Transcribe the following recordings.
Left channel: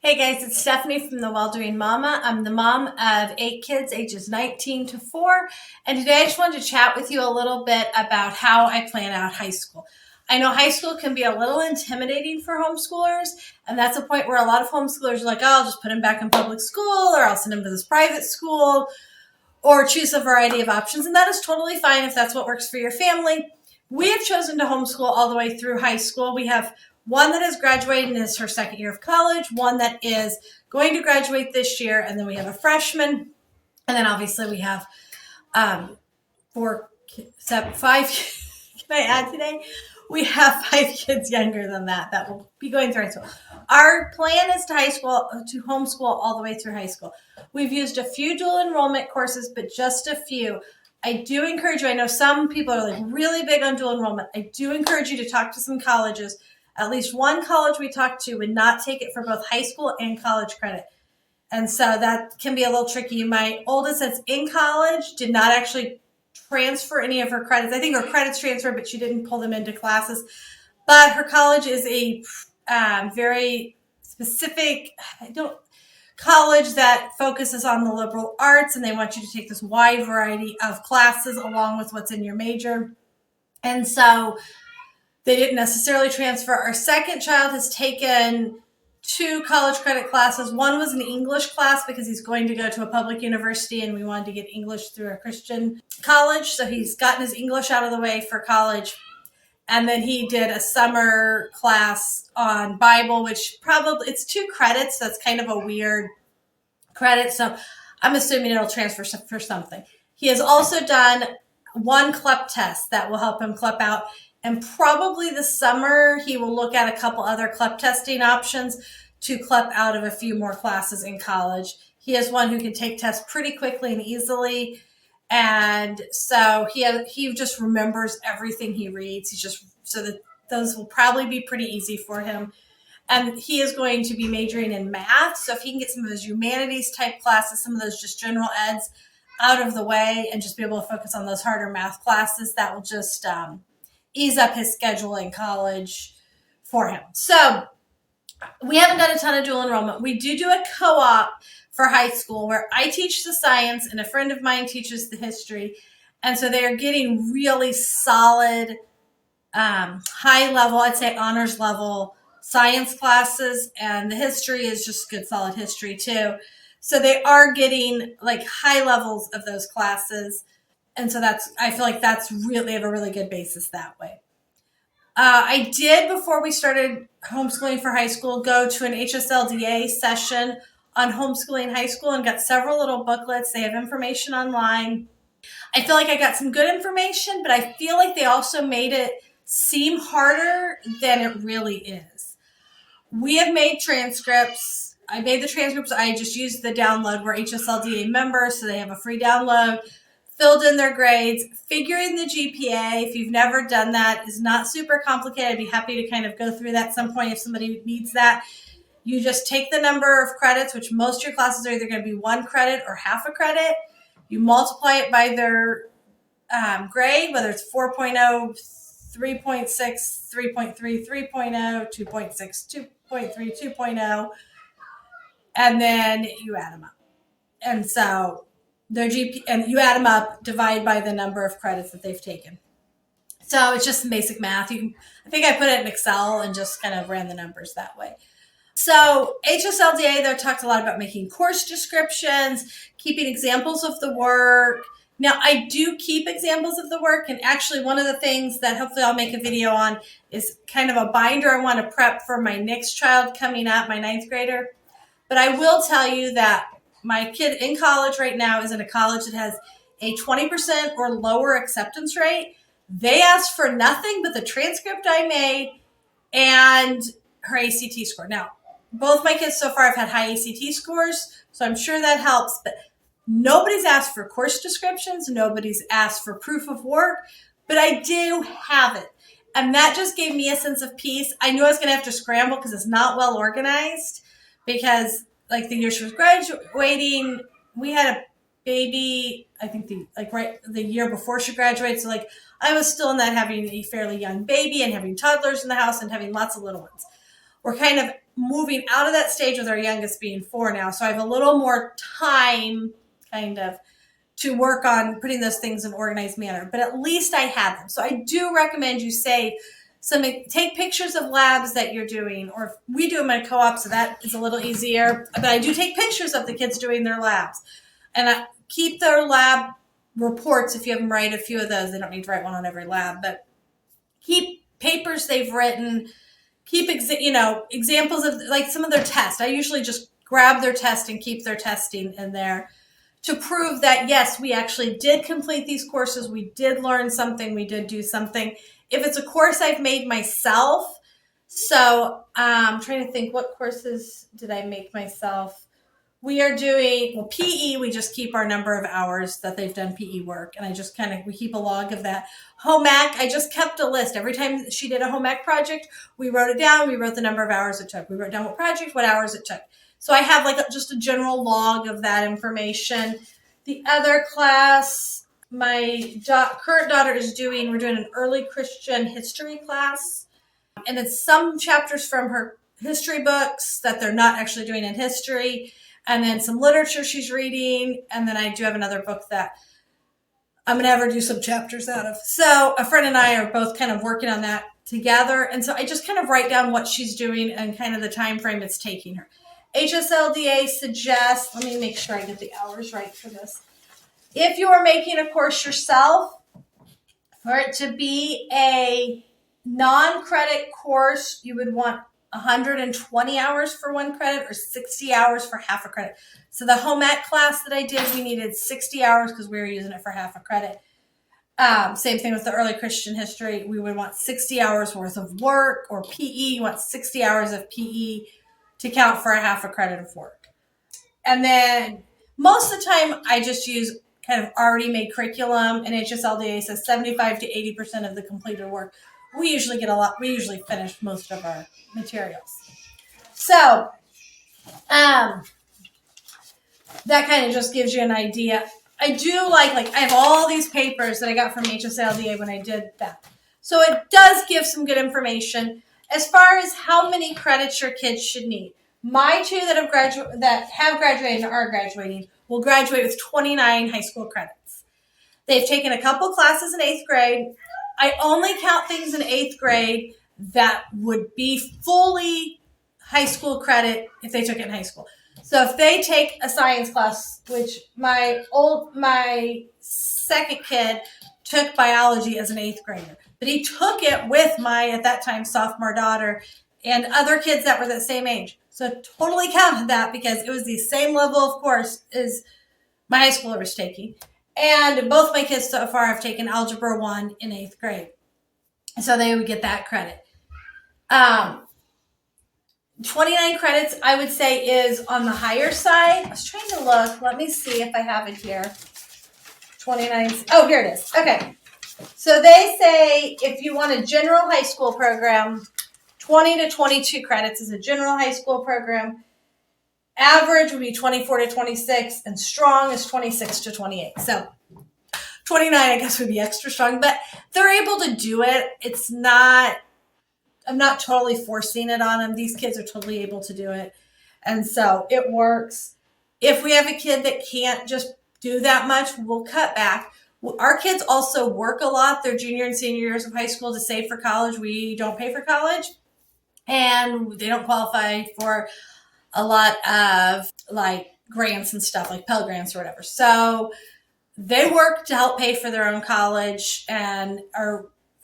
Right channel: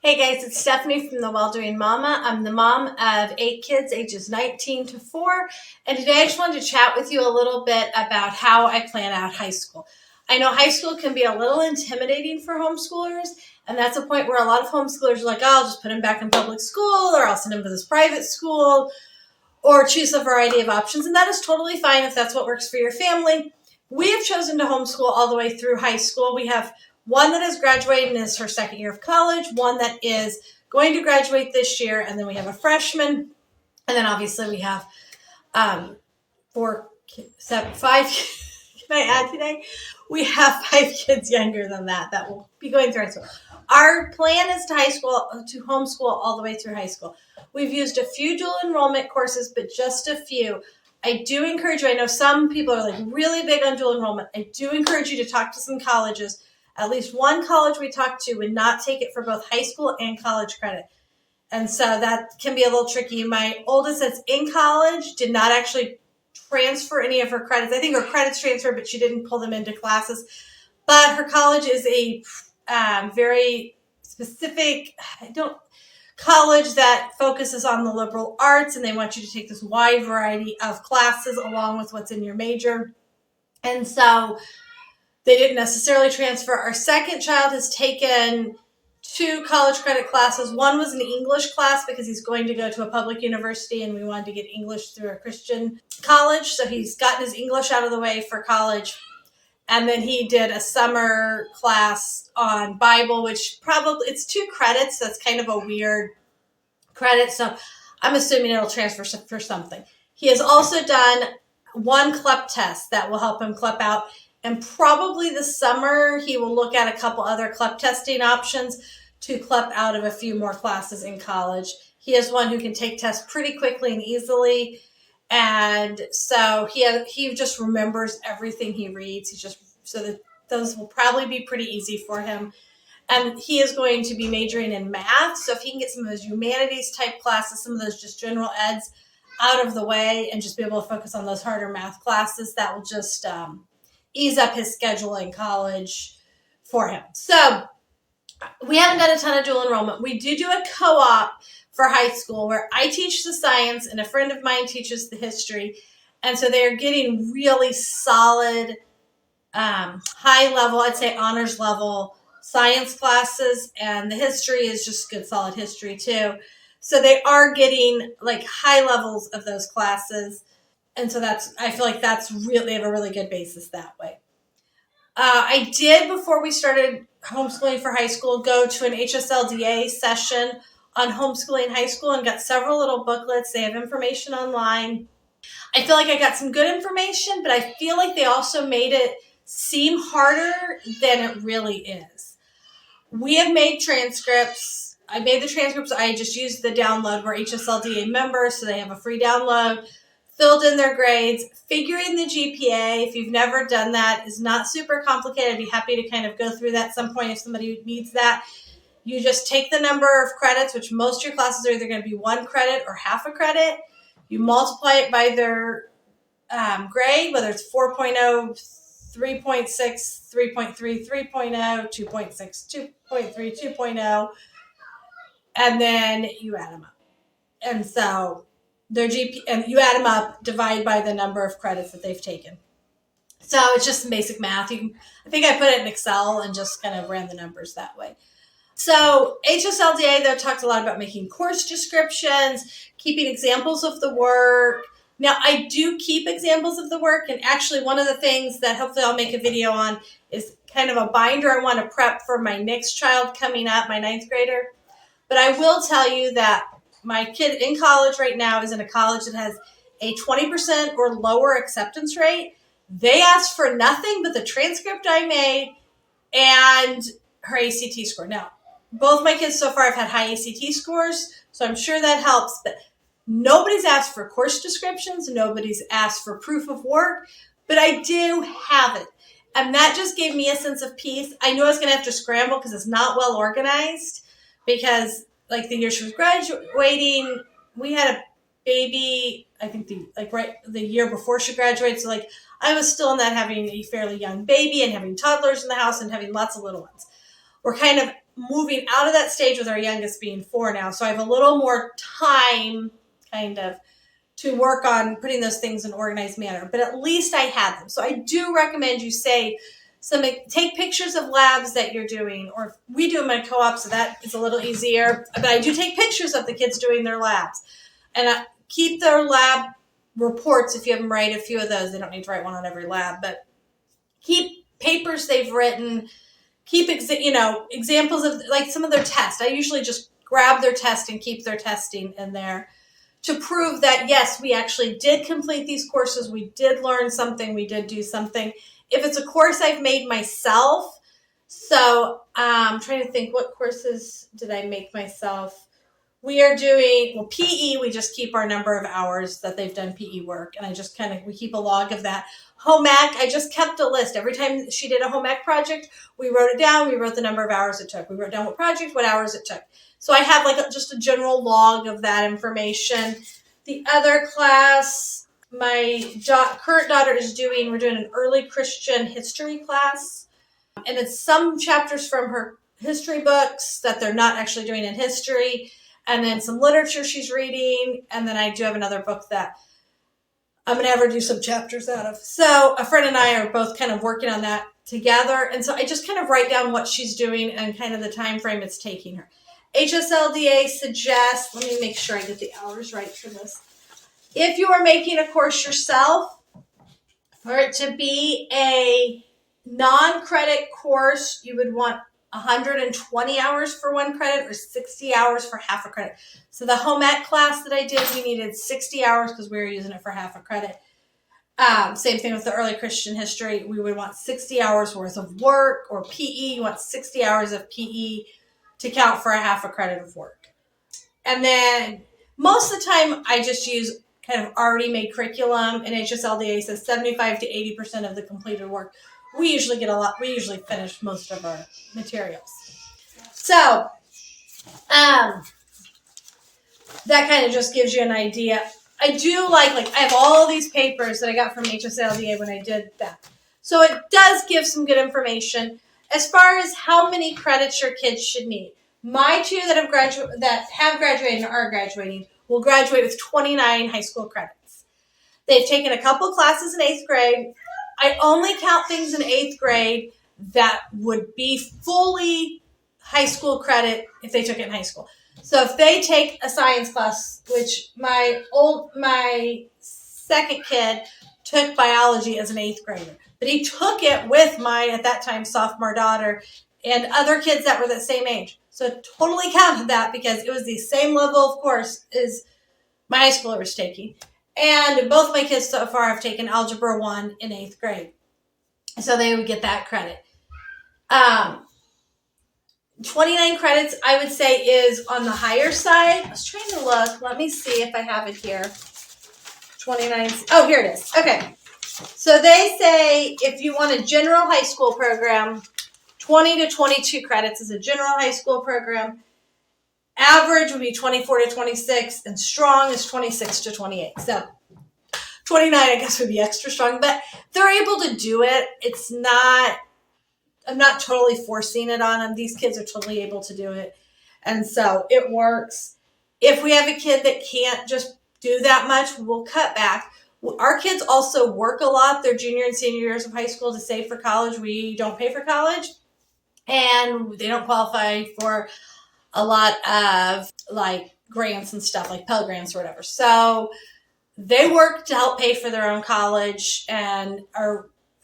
Hey guys, it's Stephanie from The Well-Doing Mama. I'm the mom of 8 kids ages 19 to 4. And today I just wanted to chat with you a little bit about how I plan out high school. I know high school can be a little intimidating for homeschoolers. And that's a point where a lot of homeschoolers are like, oh, I'll just put him back in public school, or I'll send him to this private school, or choose a variety of options. And that is totally fine if that's what works for your family. We have chosen to homeschool all the way through high school. We have one that has graduated and is her second year of college, one that is going to graduate this year, and then we have a freshman. And then obviously we have five, can I add today? We have 5 kids younger than that will be going through high school. Our plan is to homeschool all the way through high school. We've used a few dual enrollment courses, but just a few. I do encourage you, I know some people are like really big on dual enrollment. I do encourage you to talk to some colleges. At least one college we talked to would not take it for both high school and college credit. And so that can be a little tricky. My oldest that's in college did not actually transfer any of her credits. I think her credits transferred, but she didn't pull them into classes. But her college is a very specific college that focuses on the liberal arts, and they want you to take this wide variety of classes along with what's in your major. And so they didn't necessarily transfer. Our second child has taken 2 college credit classes. One was an English class because he's going to go to a public university and we wanted to get English through a Christian college. So he's gotten his English out of the way for college. And then he did a summer class on Bible, which it's 2 credits. That's kind of a weird credit. So I'm assuming it'll transfer for something. He has also done 1 CLEP test that will help him CLEP out. And probably this summer, he will look at a couple other CLEP testing options to CLEP out of a few more classes in college. He is one who can take tests pretty quickly and easily. And so he just remembers everything he reads. So that those will probably be pretty easy for him. And he is going to be majoring in math. So if he can get some of those humanities type classes, some of those just general eds out of the way and just be able to focus on those harder math classes, that will just ease up his schedule in college for him. So we haven't done a ton of dual enrollment. We do a co-op for high school where I teach the science and a friend of mine teaches the history. And so they are getting really solid, high level, I'd say honors level science classes. And the history is just good, solid history too. So they are getting like high levels of those classes. And so I feel like they have a really good basis that way. I did, before we started homeschooling for high school, go to an HSLDA session on homeschooling high school and got several little booklets. They have information online. I feel like I got some good information, but I feel like they also made it seem harder than it really is. We have made transcripts. I made the transcripts. I just used the download. We're HSLDA members, so they have a free download. Filled in their grades, figuring the GPA. If you've never done that, is not super complicated. I'd be happy to kind of go through that at some point if somebody needs that. You just take the number of credits, which most of your classes are either going to be 1 credit or half a credit. You multiply it by their grade, whether it's 4.0, 3.6, 3.3, 3.0, 2.6, 2.3, 2.0, and then you add them up. And so their GP, and you add them up, divide by the number of credits that they've taken. So it's just some basic math. I think I put it in Excel and just kind of ran the numbers that way. So HSLDA, though, talked a lot about making course descriptions, keeping examples of the work. Now, I do keep examples of the work, and actually one of the things that hopefully I'll make a video on is kind of a binder I want to prep for my next child coming up, my 9th grader. But I will tell you that my kid in college right now is in a college that has a 20% or lower acceptance rate. They asked for nothing but the transcript I made and her ACT score. Now, both my kids so far have had high ACT scores, so I'm sure that helps. But nobody's asked for course descriptions. Nobody's asked for proof of work. But I do have it. And that just gave me a sense of peace. I knew I was going to have to scramble because it's not well organized. Because like the year she was graduating, we had a baby, I think the year before she graduated. So like I was still in that having a fairly young baby and having toddlers in the house and having lots of little ones. We're kind of moving out of that stage with our youngest being 4 now. So I have a little more time kind of to work on putting those things in an organized manner, but at least I had them. So I do recommend you save some, take pictures of labs that you're doing, or we do them in co-op, so that is a little easier, but I do take pictures of the kids doing their labs, and I keep their lab reports. If you have them write a few of those, they don't need to write one on every lab, but keep papers they've written, keep examples of like some of their tests. I usually just grab their test and keep their testing in there to prove that, yes, we actually did complete these courses. We did learn something. We did do something. If it's a course I've made myself, so I'm trying to think, what courses did I make myself? We are doing, PE, we just keep our number of hours that they've done PE work. And I just we keep a log of that. Home ec, I just kept a list. Every time she did a home ec project, we wrote it down. We wrote the number of hours it took. We wrote down what project, what hours it took. So I have just a general log of that information. The other class, my current daughter is doing, we're doing an early Christian history class. And it's some chapters from her history books that they're not actually doing in history. And then some literature she's reading. And then I do have another book that I'm going to have her do some chapters out of. So a friend and I are both kind of working on that together. And so I just kind of write down what she's doing and kind of the time frame it's taking her. HSLDA suggests, let me make sure I get the hours right for this. If you are making a course yourself, for it to be a non-credit course, you would want 120 hours for 1 credit or 60 hours for half a credit. So the home ec class that I did, we needed 60 hours because we were using it for half a credit. Same thing with the early Christian history. We would want 60 hours worth of work, or PE, you want 60 hours of PE to count for a half a credit of work. And then most of the time I just use kind of already made curriculum, and HSLDA says 75 to 80% of the completed work. We usually get we usually finish most of our materials. So that kind of just gives you an idea. I do like I have all these papers that I got from HSLDA when I did that. So it does give some good information as far as how many credits your kids should need. My two that have graduated and are graduating will graduate with 29 high school credits. They've taken a couple classes in 8th grade. I only count things in 8th grade that would be fully high school credit if they took it in high school. So if they take a science class, which my second kid took biology as an 8th grader, but he took it with my, at that time, sophomore daughter and other kids that were the same age. So it totally counted that because it was the same level of course as my high schooler was taking. And both my kids so far have taken Algebra 1 in 8th grade. So they would get that credit. 29 credits, I would say, is on the higher side. I was trying to look. Let me see if I have it here. 29. Oh, here it is. Okay. So they say if you want a general high school program, 20 to 22 credits is a general high school program. Average would be 24 to 26, and strong is 26 to 28. So 29, I guess, would be extra strong, but they're able to do it. It's not, I'm not totally forcing it on them. These kids are totally able to do it. And so it works. If we have a kid that can't just do that much, we'll cut back. Our kids also work a lot their junior and senior years of high school to save for college. We don't pay for college, and they don't qualify for a lot of grants and stuff like Pell Grants or whatever. So they work to help pay for their own college, and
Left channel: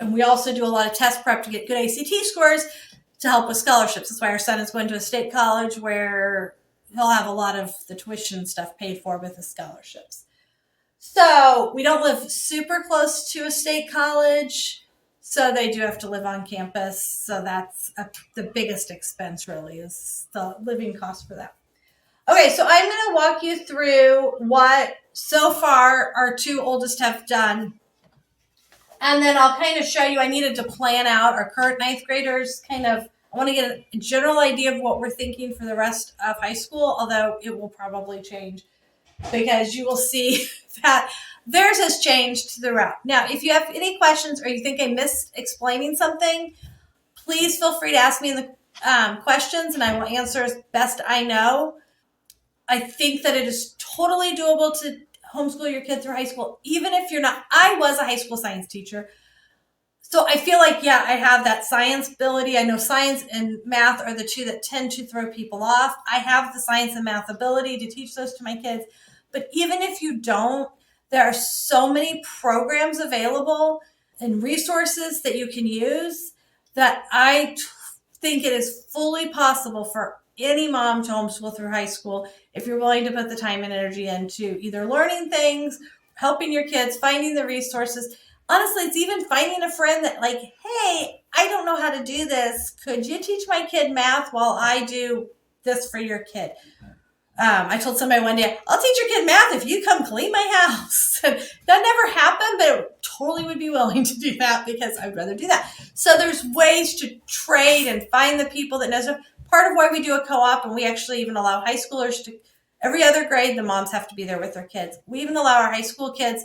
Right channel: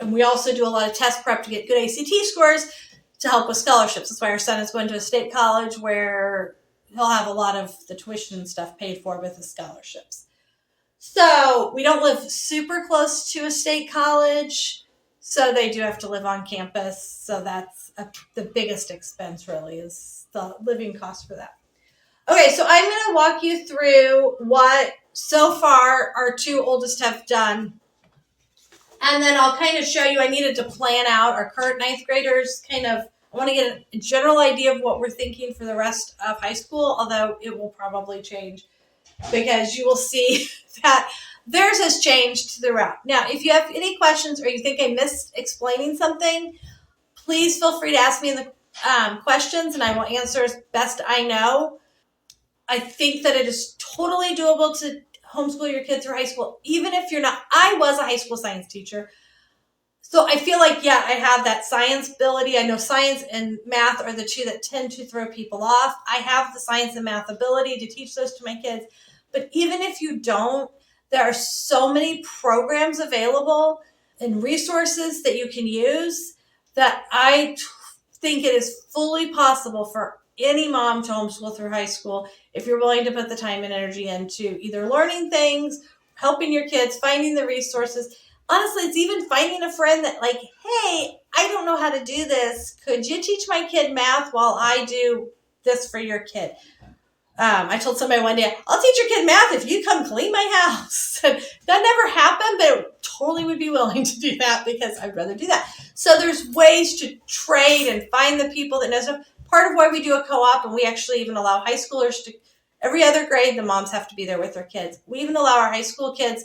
we also do a lot of test prep to get good ACT scores to help with scholarships. That's why our son is going to a state college where he'll have a lot of the tuition and stuff paid for with the scholarships. So we don't live super close to a state college, so they do have to live on campus. So that's the biggest expense, really, is the living cost for that. Okay, so I'm going to walk you through what so far our two oldest have done. And then I'll kind of show you, I needed to plan out our current 9th graders, I want to get a general idea of what we're thinking for the rest of high school, although it will probably change because you will see that theirs has changed throughout. Now, if you have any questions or you think I missed explaining something, please feel free to ask me in the questions, and I will answer as best I know. I think that it is totally doable to homeschool your kids through high school, even if you're not. I was a high school science teacher. So I feel like, yeah, I have that science ability. I know science and math are the two that tend to throw people off. I have the science and math ability to teach those to my kids. But even if you don't, there are so many programs available and resources that you can use that I think it is fully possible for any mom to homeschool through high school if you're willing to put the time and energy into either learning things, helping your kids, finding the resources. Honestly, it's even finding a friend that, like, hey, I don't know how to do this. Could you teach my kid math while I do this for your kid? I told somebody one day, I'll teach your kid math if you come clean my house. And that never happened, but I totally would be willing to do that because I'd rather do that. So there's ways to trade and find the people that know stuff. Part of why we do a co-op, and we actually even allow high schoolers to, every other grade, the moms have to be there with their kids. We even allow our high school kids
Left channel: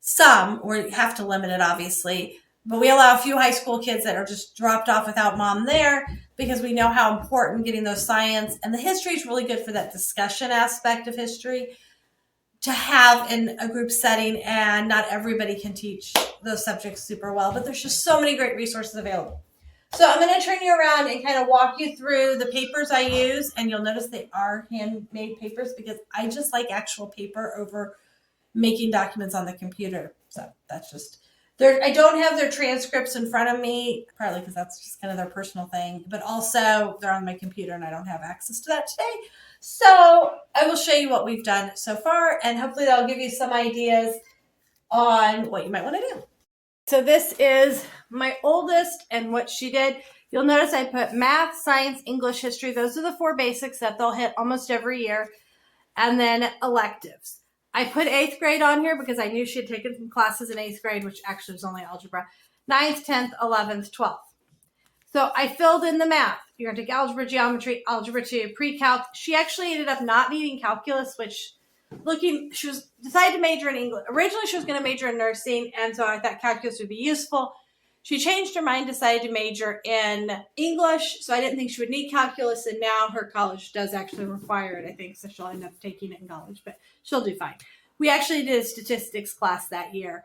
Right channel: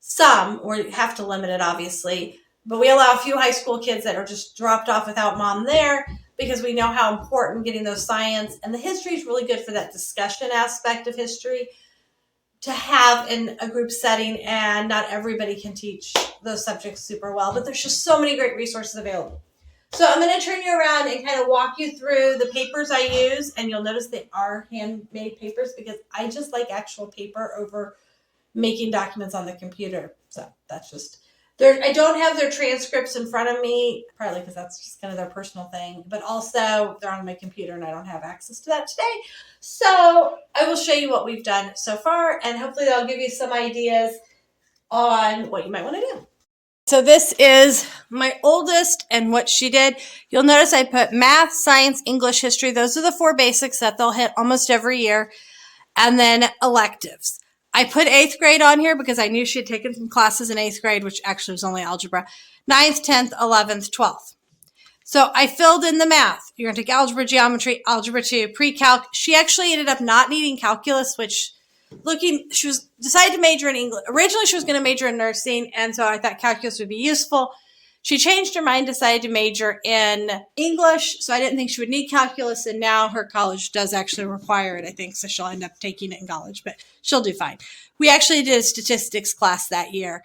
some, or have to limit it obviously, but we allow a few high school kids that are just dropped off without mom there because we know how important getting those science and the history is really good for that discussion aspect of history to have in a group setting. And not everybody can teach those subjects super well, but there's just so many great resources available. So I'm going to turn you around and kind of walk you through the papers I use, and you'll notice they are handmade papers because I just like actual paper over making documents on the computer. So that's just there. I don't have their transcripts in front of me, partly because that's just kind of their personal thing, but also they're on my computer and I don't have access to that today. So I will show you what we've done so far, and hopefully that'll give you some ideas on what you might want to do. So this is my oldest and what she did. You'll notice I put math, science, English, history. Those are the 4 basics that they'll hit almost every year. And then electives. I put 8th grade on here because I knew she had taken some classes in 8th grade, which actually was only algebra. 9th, 10th, 11th, 12th. So I filled in the math. You're going to take algebra, geometry, algebra 2, pre-calc. She actually ended up not needing calculus, which she was decided to major in English. Originally, she was going to major in nursing, and so I thought calculus would be useful. She changed her mind, decided to major in English, so I didn't think she would need calculus, and now her college does actually require it, I think, so she'll end up taking it in college, but she'll do fine. We actually did a statistics class that year.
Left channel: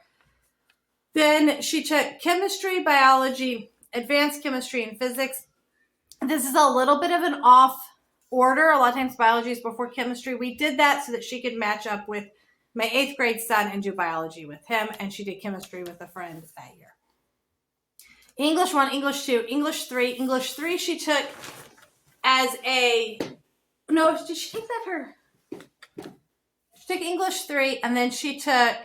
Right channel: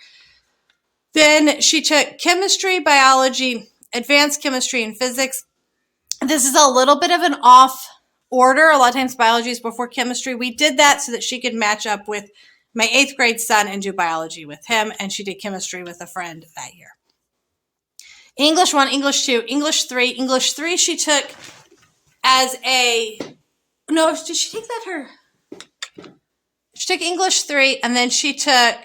Then she took chemistry, biology, advanced chemistry, and physics. This is a little bit of an off order. A lot of times biology is before chemistry. We did that so that she could match up with my 8th grade son and do biology with him, and she did chemistry with a friend that year. English 1, English 2, English 3. English 3 she took as a, no, did she take that she took English 3, and then she took,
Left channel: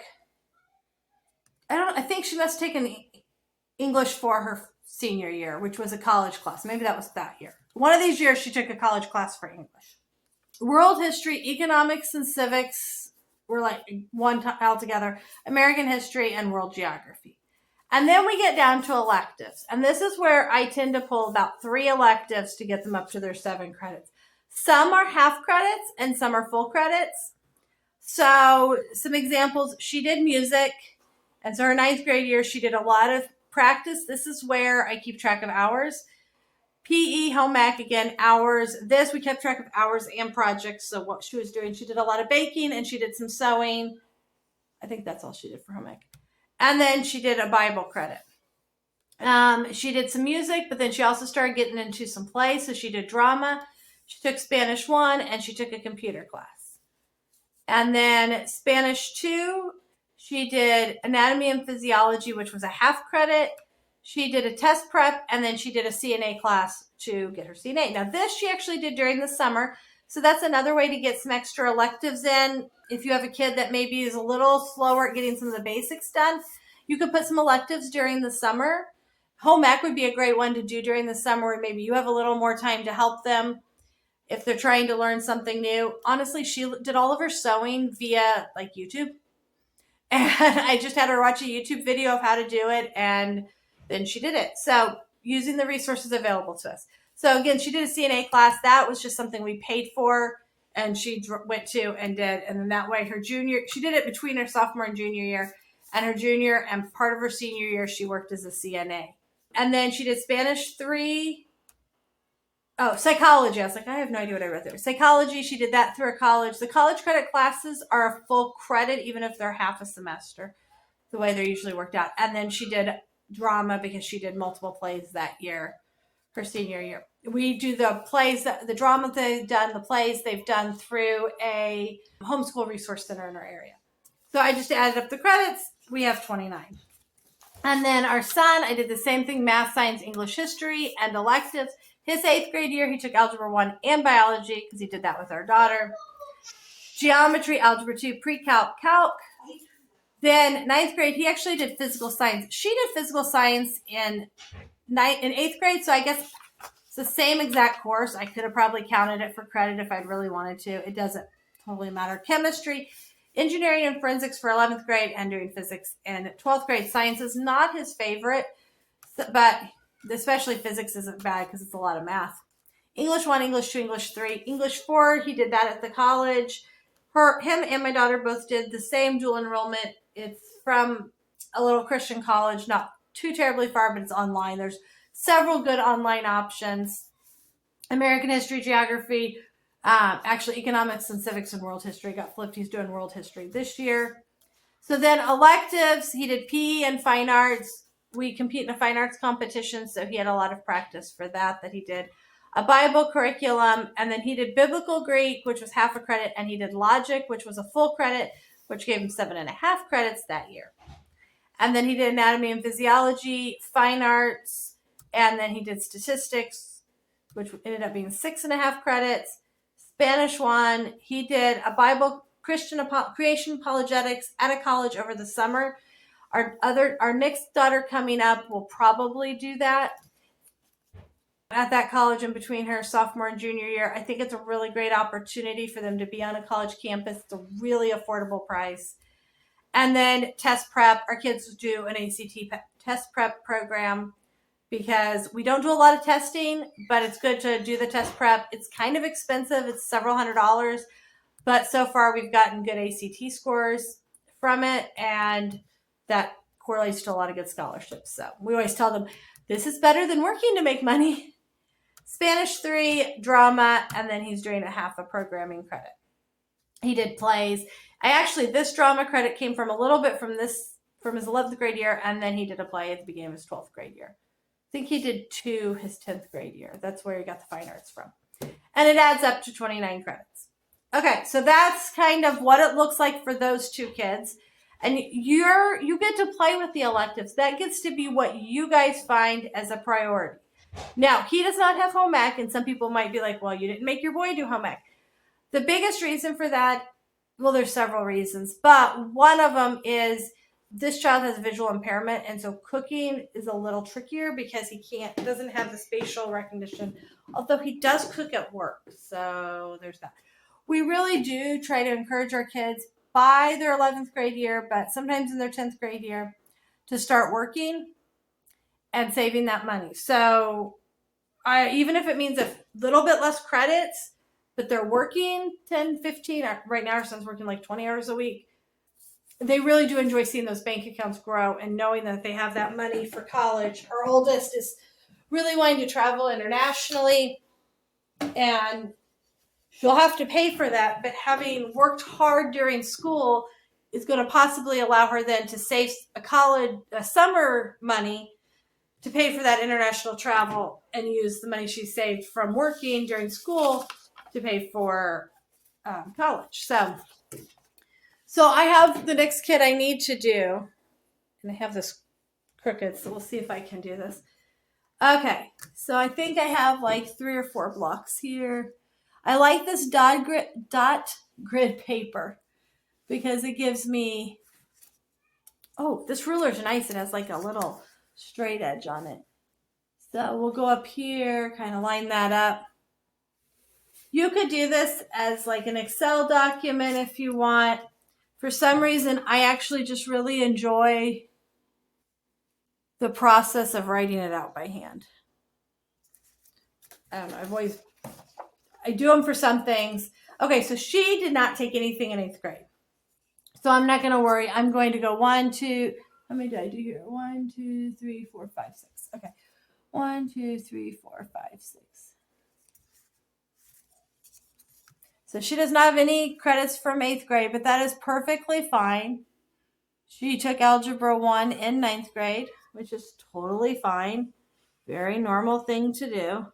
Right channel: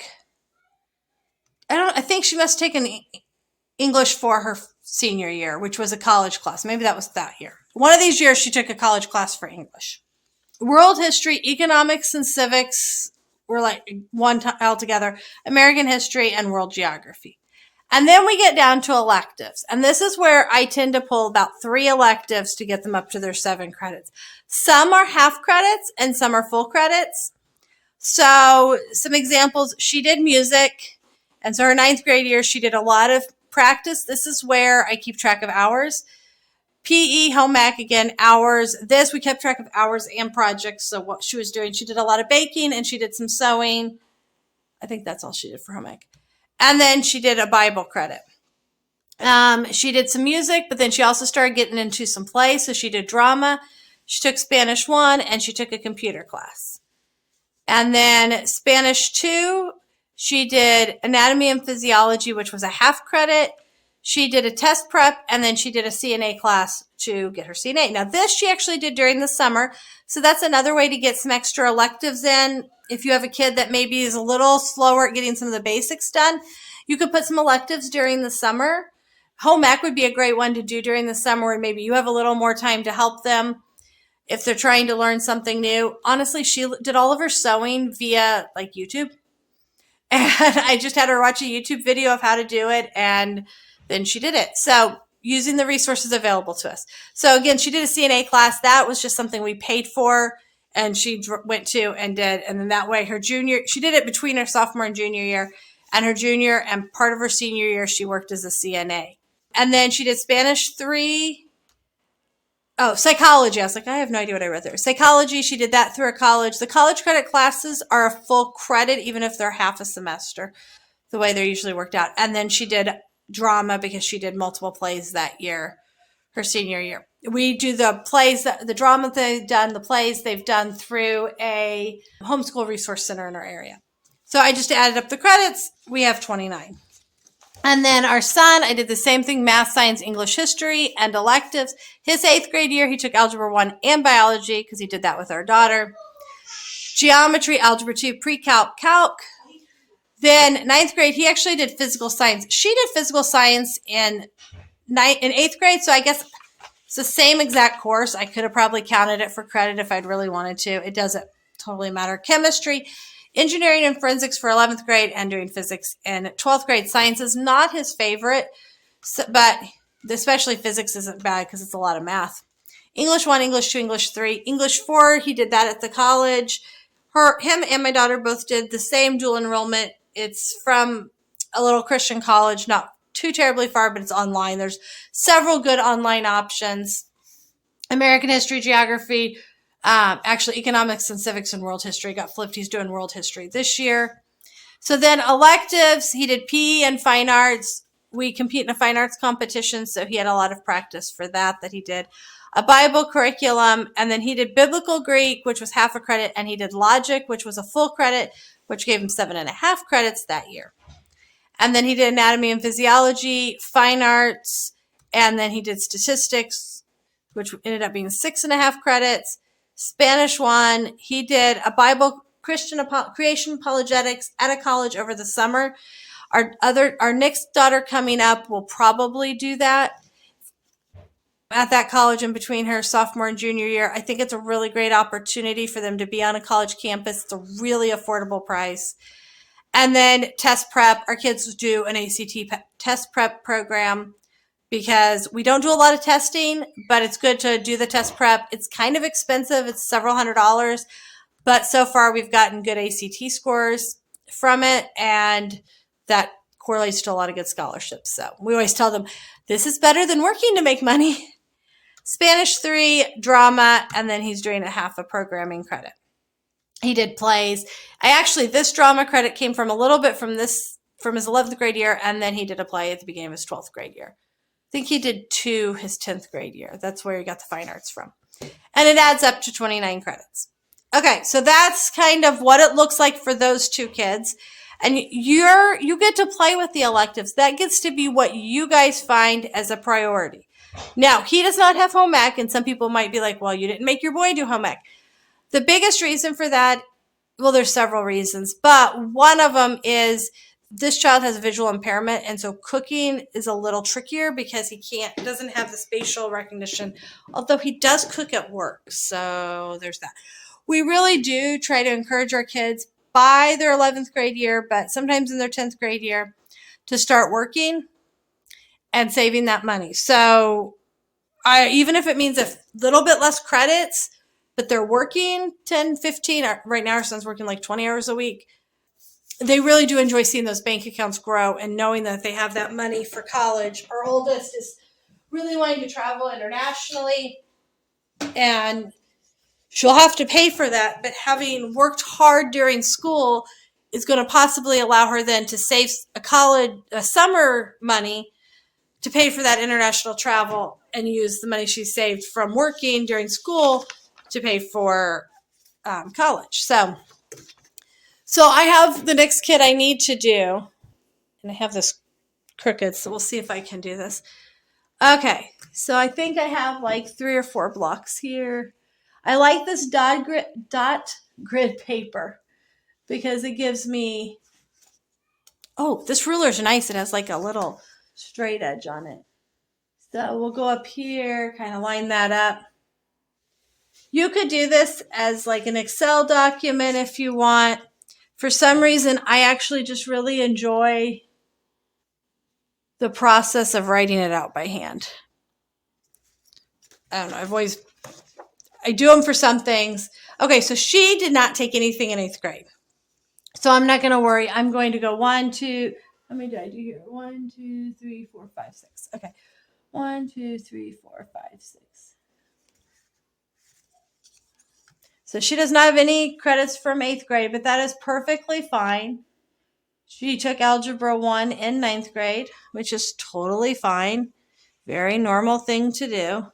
I think she must have taken English for her senior year, which was a college class. Maybe that was that year. One of these years she took a college class for English. World history, economics, and civics were like one altogether. American history and world geography. And then we get down to electives. And this is where I tend to pull about 3 electives to get them up to their 7 credits. Some are half credits and some are full credits. So some examples, she did music. And so her 9th grade year, she did a lot of practice. This is where I keep track of hours. PE, home ec, again, hours. This, we kept track of hours and projects. So what she was doing, she did a lot of baking and she did some sewing. I think that's all she did for home ec. And then she did a Bible credit. She did some music, but then she also started getting into some play. So she did drama. She took Spanish 1 and she took a computer class. And then Spanish 2, she did anatomy and physiology, which was a half credit. She did a test prep, and then she did a CNA class to get her CNA. Now, this she actually did during the summer. So that's another way to get some extra electives in. If you have a kid that maybe is a little slower at getting some of the basics done, you could put some electives during the summer. Home ec would be a great one to do during the summer, where maybe you have a little more time to help them if they're trying to learn something new. Honestly, she did all of her sewing via like YouTube. And I just had her watch a YouTube video of how to do it, and then she did it. So using the resources available to us. So again, she did a CNA class. That was just something we paid for, and she went to and did. And then that way she did it between her sophomore and junior year, and her junior and part of her senior year, she worked as a CNA. And then she did Spanish 3, Oh, psychology. I was like, I have no idea what I wrote there. Psychology, she did that through her college. The college credit classes are a full credit, even if they're half a semester, the way they're usually worked out. And then she did drama because she did multiple plays that year, her senior year. We do the plays, the drama they've done, the plays they've done through a homeschool resource center in our area. So I just added up the credits. We have 29. And then our son, I did the same thing, math, science, English, history, and electives. His 8th grade year, he took Algebra 1 and Biology because he did that with our daughter. Geometry, Algebra 2, Pre-Calc, Calc. Then 9th grade, he actually did physical science. She did physical science in 8th grade, so I guess it's the same exact course. I could have probably counted it for credit if I'd really wanted to. It doesn't totally matter. Chemistry, engineering and forensics for 11th grade, and doing physics in 12th grade. Science is not his favorite, but especially physics isn't bad because it's a lot of math. English 1, English 2, English 3. English 4, he did that at the college. Him and my daughter both did the same dual enrollment. It's from a little Christian college, not too terribly far, but it's online. There's several good online options. American history, geography, actually economics and civics and world history got flipped. He's doing world history this year. So then electives, he did PE and fine arts. We compete in a fine arts competition, so he had a lot of practice for that he did. A Bible curriculum, and then he did biblical Greek, which was half a credit, and he did logic, which was a full credit, which gave him 7.5 credits that year. And then he did anatomy and physiology, fine arts, and then he did statistics, which ended up being 6.5 credits. Spanish 1, he did a Bible creation apologetics at a college over the summer. Our next daughter coming up will probably do that at that college in between her sophomore and junior year. I think it's a really great opportunity for them to be on a college campus. It's a really affordable price. And then test prep. Our kids do an ACT test prep program because we don't do a lot of testing, but it's good to do the test prep. It's kind of expensive. It's several $100s, but so far we've gotten good ACT scores from it, and that correlates to a lot of good scholarships. So we always tell them, this is better than working to make money. Spanish 3, drama, and then he's doing a half a programming credit. He did plays. This drama credit came from a little bit from his 11th grade year, and then he did a play at the beginning of his 12th grade year. I think he did 2 his 10th grade year. That's where he got the fine arts from. And it adds up to 29 credits. Okay, so that's kind of what it looks like for those 2 kids. And you get to play with the electives. That gets to be what you guys find as a priority. Now, he does not have home ec, and some people might be like, well, you didn't make your boy do home ec. The biggest reason for that, well, there's several reasons, but one of them is this child has visual impairment, and so cooking is a little trickier because he doesn't have the spatial recognition, although he does cook at work. So there's that. We really do try to encourage our kids by their 11th grade year, but sometimes in their 10th grade year, to start working and saving that money. So even if it means a little bit less credits, but they're working 10, 15, right now our son's working like 20 hours a week. They really do enjoy seeing those bank accounts grow and knowing that they have that money for college. Our oldest is really wanting to travel internationally, and she'll have to pay for that, but having worked hard during school is going to possibly allow her then to save a summer money to pay for that international travel and use the money she saved from working during school to pay for college. So I have the next kid I need to do, and I have this crooked, so we'll see if I can do this. Okay, so I think I have like 3 or 4 blocks here. I like this dot grid paper because it gives me, this ruler's nice. It has like a little straight edge on it. So we'll go up here, kind of line that up. You could do this as like an Excel document if you want. For some reason, I actually just really enjoy the process of writing it out by hand. I don't know. I do them for some things. Okay, so she did not take anything in 8th grade. So I'm not going to worry. I'm going to go 1, 2, how many did I do here? 1, 2, 3, 4, 5, 6. Okay. 1, 2, 3, 4, 5, 6. So she does not have any credits from 8th grade, but that is perfectly fine. She took Algebra 1 in 9th grade, which is totally fine. Very normal thing to do.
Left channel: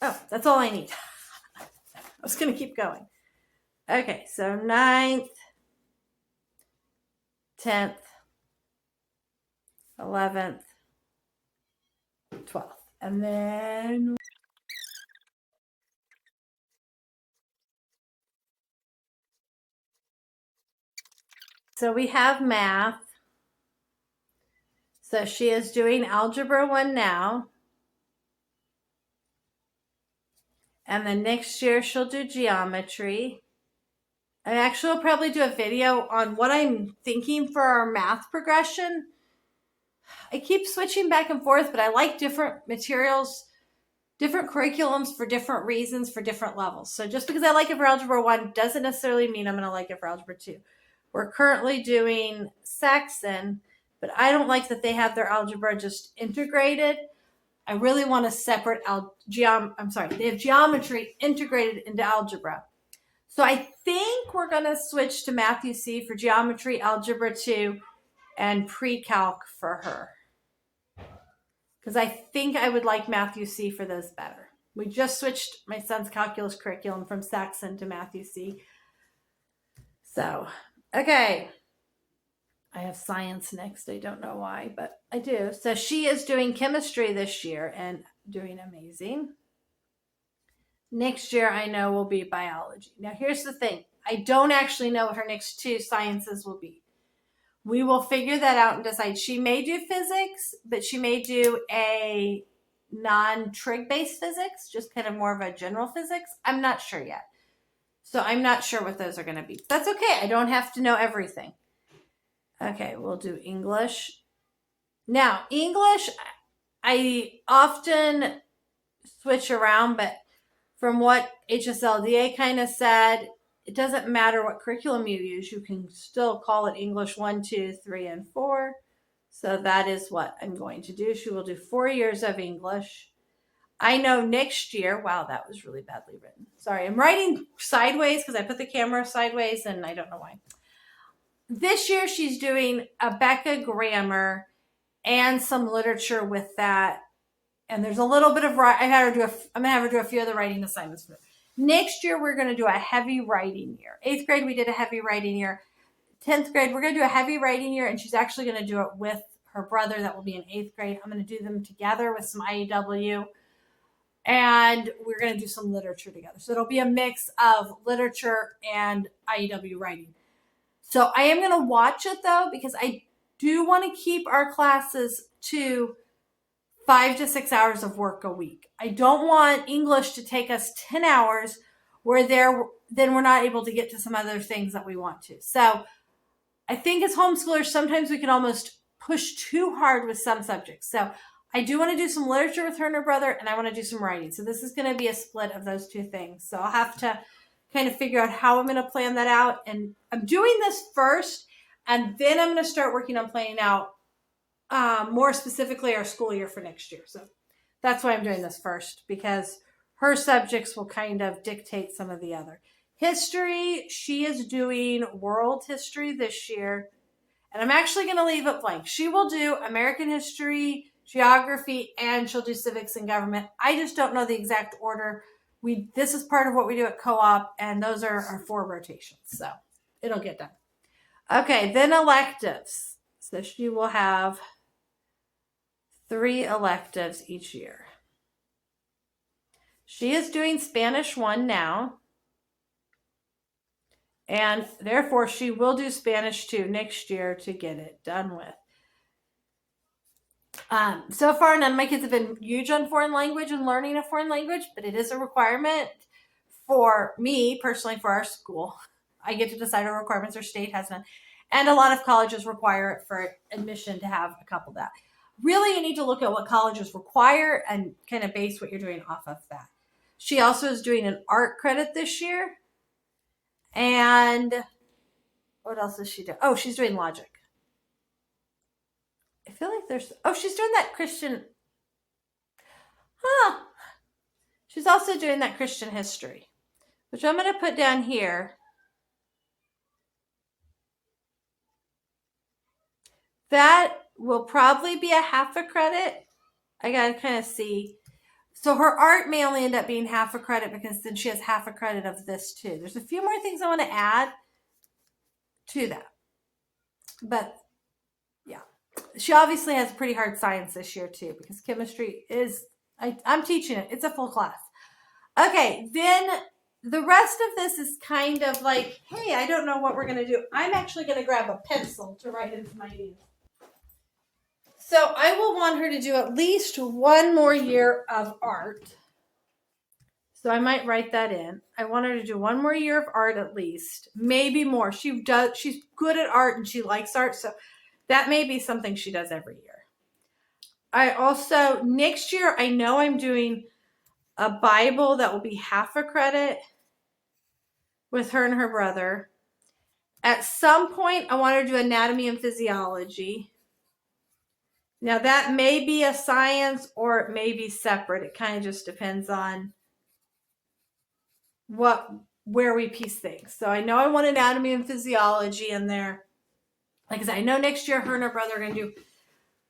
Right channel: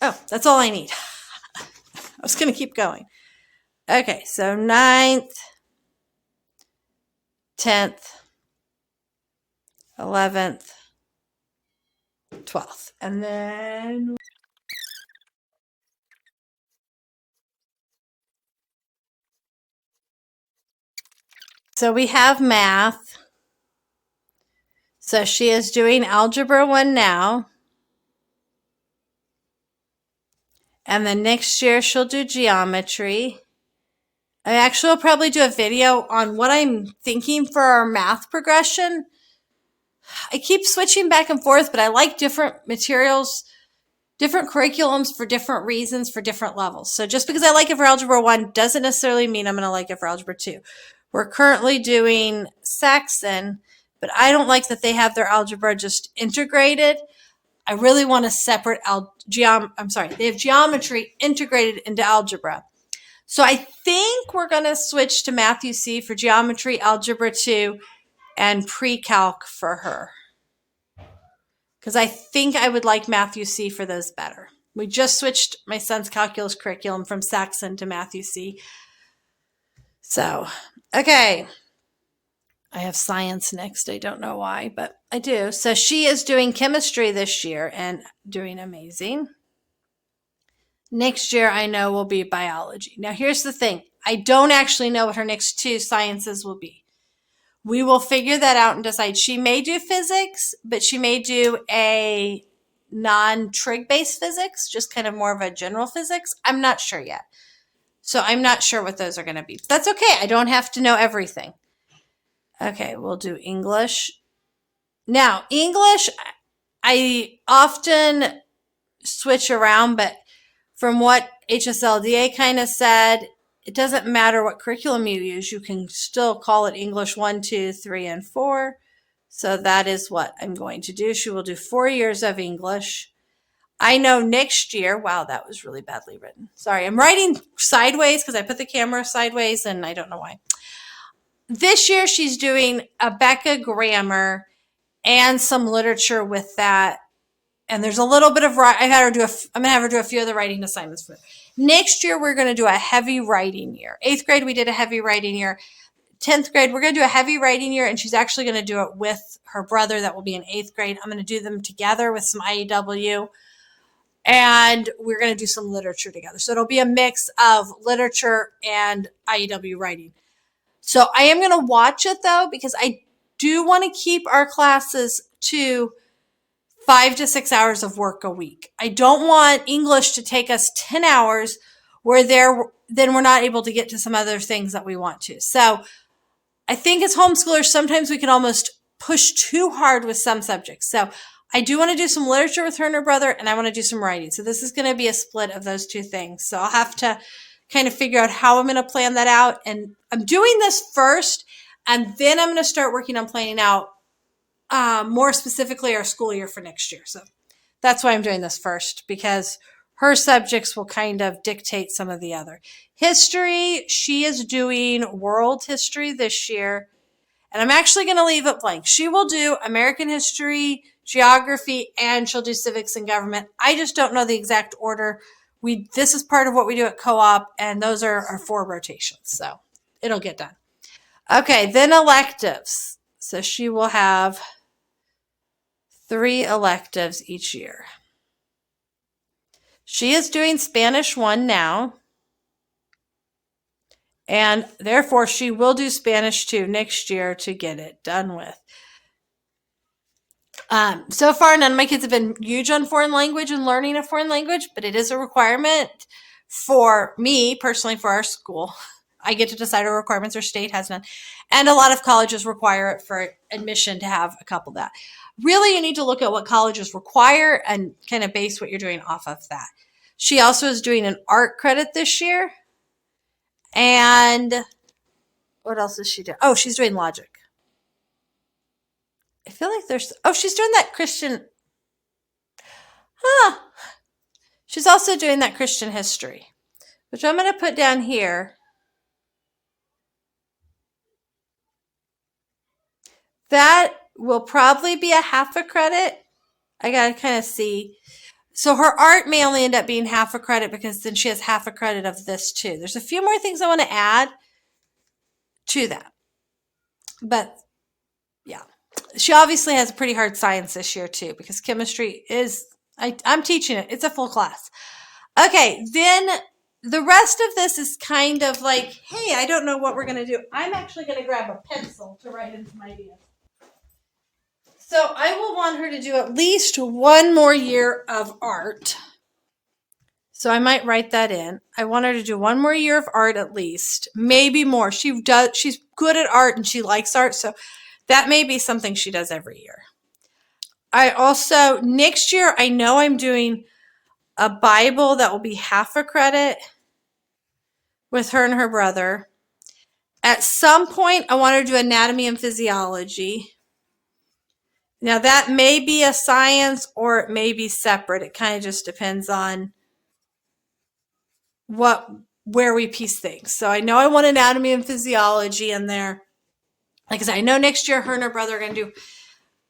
Oh, that's all I need. I was going to keep going. Okay, so 9th, 10th, 11th, 12th. And then so we have math. So she is doing Algebra 1 now. And then next year she'll do geometry. I actually will probably do a video on what I'm thinking for our math progression. I keep switching back and forth, but I like different materials, different curriculums for different reasons, for different levels. So just because I like it for Algebra 1 doesn't necessarily mean I'm going to like it for Algebra 2. We're currently doing Saxon, but I don't like that they have their algebra just integrated. I really want a separate they have geometry integrated into algebra. So I think we're going to switch to Matthew C for geometry, Algebra 2, and pre-calc for her. Because I think I would like Matthew C for those better. We just switched my son's calculus curriculum from Saxon to Matthew C. So, okay. I have science next. I don't know why, but I do. So she is doing chemistry this year and doing amazing. Next year, I know will be biology. Now, here's the thing. I don't actually know what her next 2 sciences will be. We will figure that out and decide. She may do physics, but she may do a non-trig based physics, just kind of more of a general physics. I'm not sure yet. So I'm not sure what those are going to be. But that's okay. I don't have to know everything. Okay, we'll do English. Now, English, I often switch around, but from what HSLDA kind of said, it doesn't matter what curriculum you use. You can still call it English 1, 2, 3, and 4. So that is what I'm going to do. She will do 4 years of English. I know next year, wow, that was really badly written. Sorry, I'm writing sideways because I put the camera sideways and I don't know why. This year she's doing a Becca grammar and some literature with that. And there's a little bit of I'm going to have her do a few of the writing assignments for her. Next year, we're going to do a heavy writing year. 8th grade, we did a heavy writing year. 10th grade, we're going to do a heavy writing year, and she's actually going to do it with her brother that will be in 8th grade. I'm going to do them together with some IEW, and we're going to do some literature together. So it'll be a mix of literature and IEW writing. So I am going to watch it, though, because I do want to keep our classes to 5 to 6 hours of work a week. I don't want English to take us 10 hours where then we're not able to get to some other things that we want to. So I think as homeschoolers, sometimes we can almost push too hard with some subjects. So I do want to do some literature with her and her brother, and I want to do some writing. So this is going to be a split of those 2 things. So I'll have to kind of figure out how I'm going to plan that out. And I'm doing this first, and then I'm going to start working on planning out more specifically our school year for next year. So that's why I'm doing this first, because her subjects will kind of dictate some of the other. History, she is doing world history this year, and I'm actually going to leave it blank. She will do American history, geography, and she'll do civics and government. I just don't know the exact order. This is part of what we do at co-op, and those are our 4 rotations. So it'll get done. Okay, then electives. So she will have 3 electives each year. She is doing Spanish 1 now, and therefore she will do Spanish 2 next year to get it done with. So far, none of my kids have been huge on foreign language and learning a foreign language, but it is a requirement for me personally for our school. I get to decide our requirements. Our state has none. And a lot of colleges require it for admission to have a couple of that. Really, you need to look at what colleges require and kind of base what you're doing off of that. She also is doing an art credit this year. And what else is she doing? Oh, she's doing logic. I feel like she's doing that Christian. She's also doing that Christian history, which I'm going to put down here. That will probably be a half a credit. I got to kind of see. So her art may only end up being half a credit because then she has half a credit of this too. There's a few more things I want to add to that. But yeah, she obviously has a pretty hard science this year too, because chemistry is, I'm teaching it. It's a full class. Okay, then the rest of this is kind of like, hey, I don't know what we're going to do. I'm actually going to grab a pencil to write in some ideas. So I will want her to do at least one more year of art. So I might write that in. I want her to do one more year of art at least, maybe more. She's good at art and she likes art, so that may be something she does every year. I also, next year, I know I'm doing a Bible that will be half a credit with her and her brother. At some point, I want her to do anatomy and physiology. Now, that may be a science or it may be separate. It kind of just depends on where we piece things. So I know I want anatomy and physiology in there. Like I said, I know next year her and her brother are going to do,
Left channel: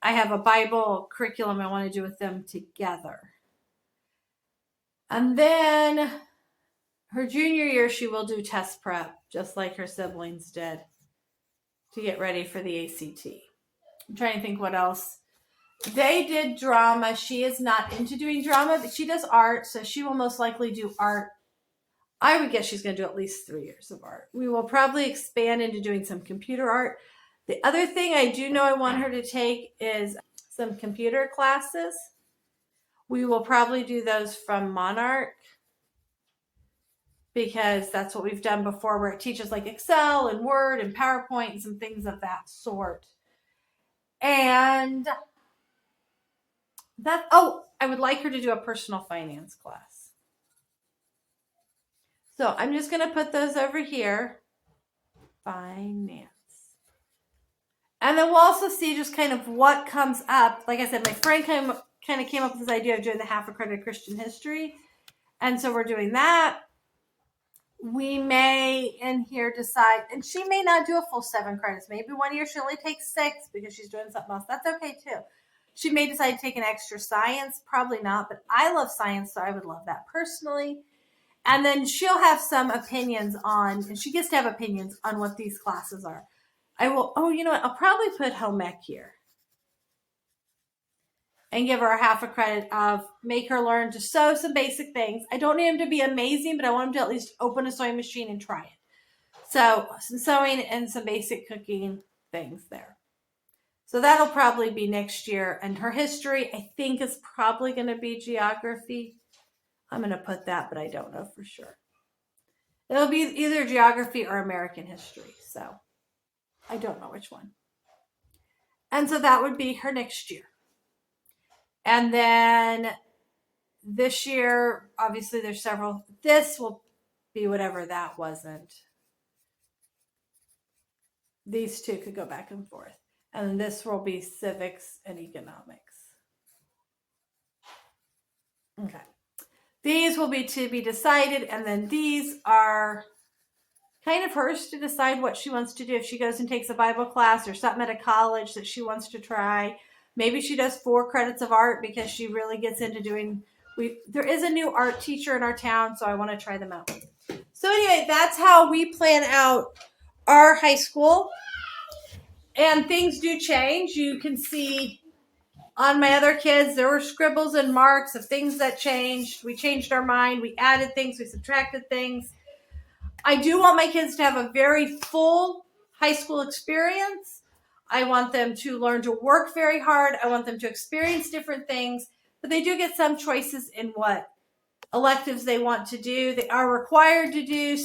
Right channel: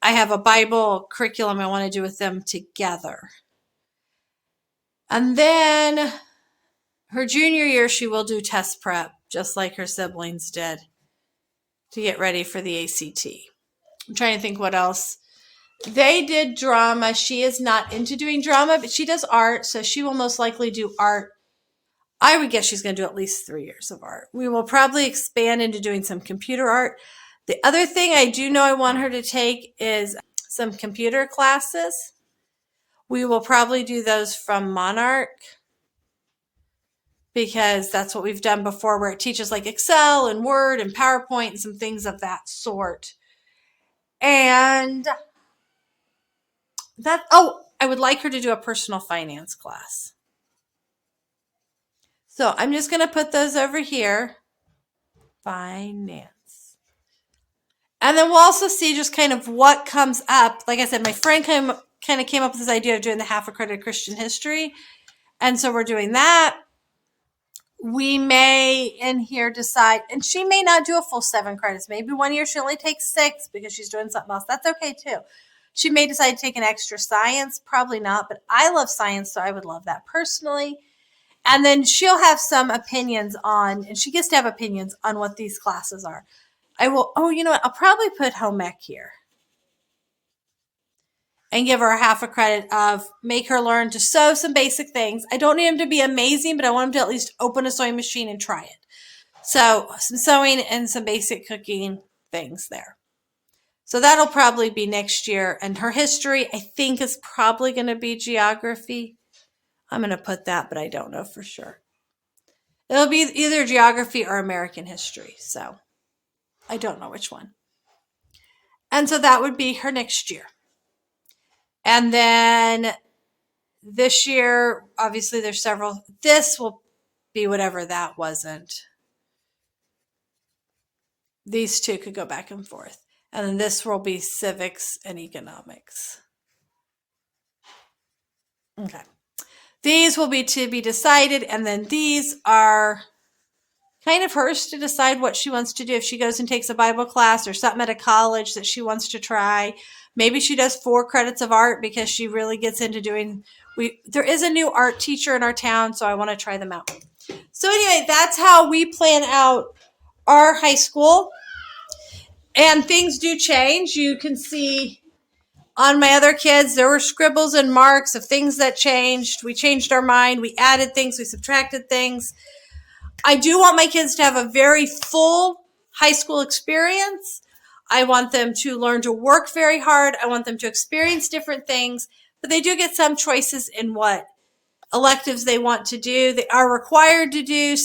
I have a Bible curriculum I want to do with them together. And then her junior year, she will do test prep, just like her siblings did, to get ready for the ACT. I'm trying to think what else. They did drama. She is not into doing drama, but she does art, so she will most likely do art. I would guess she's going to do at least 3 years of art. We will probably expand into doing some computer art. The other thing I do know I want her to take is some computer classes. We will probably do those from Monarch because that's what we've done before, where it teaches like Excel and Word and PowerPoint and some things of that sort. And I would like her to do a personal finance class. So I'm just going to put those over here. Finance. And then we'll also see just kind of what comes up. Like I said, my friend kind of came up with this idea of doing the half accredited Christian history. And so we're doing that. We may in here decide, and she may not do a full 7 credits. Maybe one year she only takes 6 because she's doing something else. That's okay too. She may decide to take an extra science. Probably not, but I love science, so I would love that personally. And then she'll have some opinions on, and she gets to have opinions on what these classes are. You know what? I'll probably put home ec here and give her a half a credit of make her learn to sew some basic things. I don't need them to be amazing, but I want them to at least open a sewing machine and try it. So some sewing and some basic cooking things there. So that'll probably be next year. And her history, I think, is probably going to be geography. I'm going to put that, but I don't know for sure. It'll be either geography or American history. So I don't know which one. And so that would be her next year. And then this year, obviously there's several. This will be whatever that wasn't. These two could go back and forth. And then this will be civics and economics. Okay. These will be to be decided. And then these are kind of hers to decide what she wants to do. If she goes and takes a Bible class or something at a college that she wants to try. Maybe she does 4 credits of art because she really gets into doing, there is a new art teacher in our town, so I want to try them out. So anyway, that's how we plan out our high school. And things do change. You can see on my other kids, there were scribbles and marks of things that changed. We changed our mind. We added things. We subtracted things. I do want my kids to have a very full high school experience. I want them to learn to work very hard. I want them to experience different things, but they do get some choices in what electives they want to do. They are required to do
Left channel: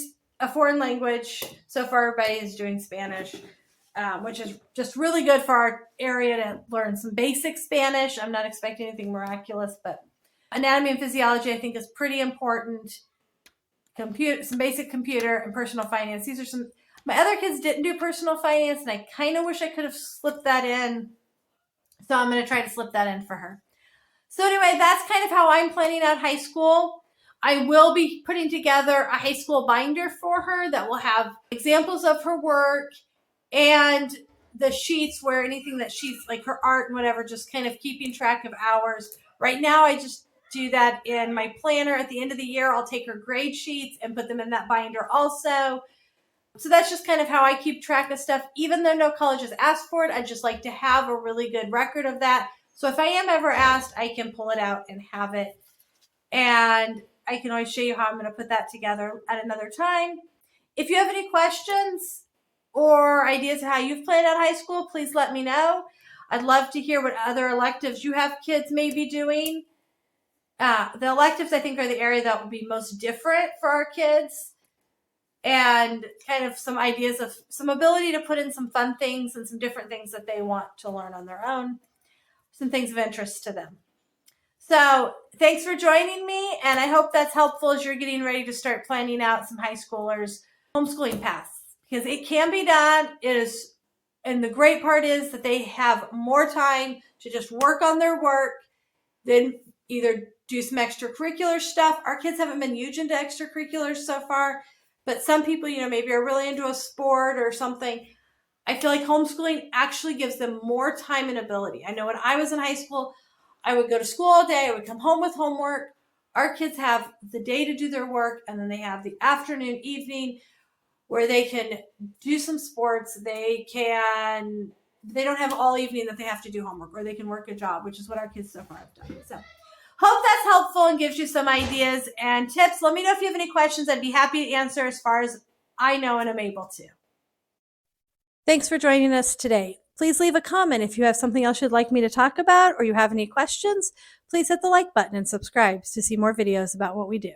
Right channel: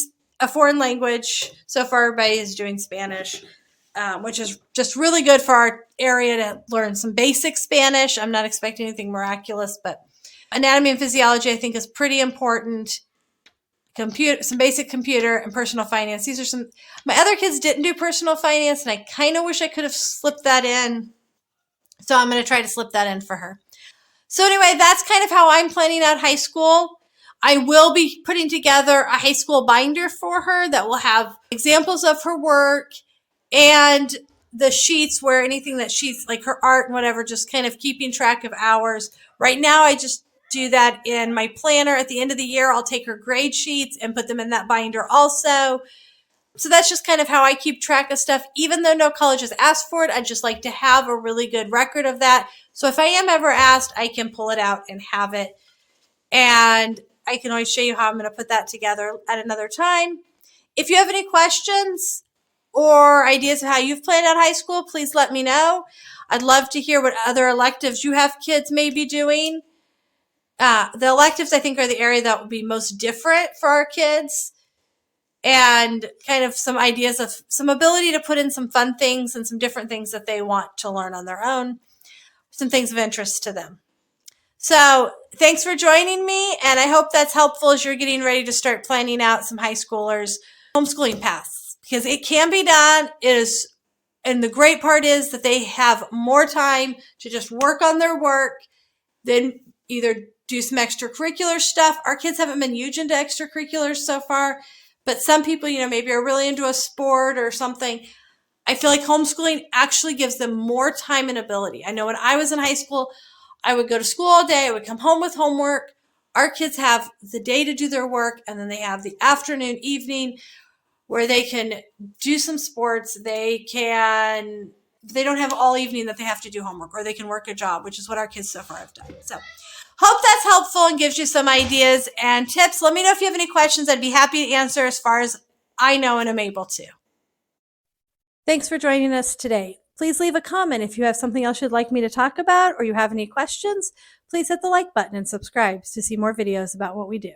a foreign language. So far, everybody is doing Spanish, which is just really good for our area to learn some basic Spanish. I'm not expecting anything miraculous, but anatomy and physiology, I think, is pretty important. Some basic computer and personal finance. These are some, my other kids didn't do personal finance, and I kind of wish I could have slipped that in. So I'm going to try to slip that in for her. So anyway, that's kind of how I'm planning out high school. I will be putting together a high school binder for her that will have examples of her work and the sheets where anything that she's like her art and whatever, just kind of keeping track of hours. Right now, I just do that in my planner. At the end of the year, I'll take her grade sheets and put them in that binder also. So that's just kind of how I keep track of stuff. Even though no college has asked for it, I just like to have a really good record of that. So if I am ever asked, I can pull it out and have it. And I can always show you how I'm going to put that together at another time. If you have any questions or ideas of how you've planned out high school, please let me know. I'd love to hear what other electives you have kids may be doing. The electives, I think, are the area that will be most different for our kids, and kind of some ideas of some ability to put in some fun things and some different things that they want to learn on their own, some things of interest to them. So thanks for joining me, and I hope that's helpful as you're getting ready to start planning out some high schoolers' homeschooling paths, because it can be done. It is, and the great part is that they have more time to just work on their work than either do some extracurricular stuff. Our kids haven't been huge into extracurriculars so far, but some people, maybe are really into a sport or something. I feel like homeschooling actually gives them more time and ability. I know when I was in high school, I would go to school all day. I would come home with homework. Our kids have the day to do their work, and then they have the afternoon, evening, where they can do some sports. They don't have all evening that they have to do homework, or they can work a job, which is what our kids so far have done. So hope that's helpful and gives you some ideas and tips. Let me know if you have any questions. I'd be happy to answer as far as I know and am able to. Thanks for joining us today. Please leave a comment if you have something else you'd like me to talk about or you have any questions. Please hit the like button and subscribe to see more videos about what we do.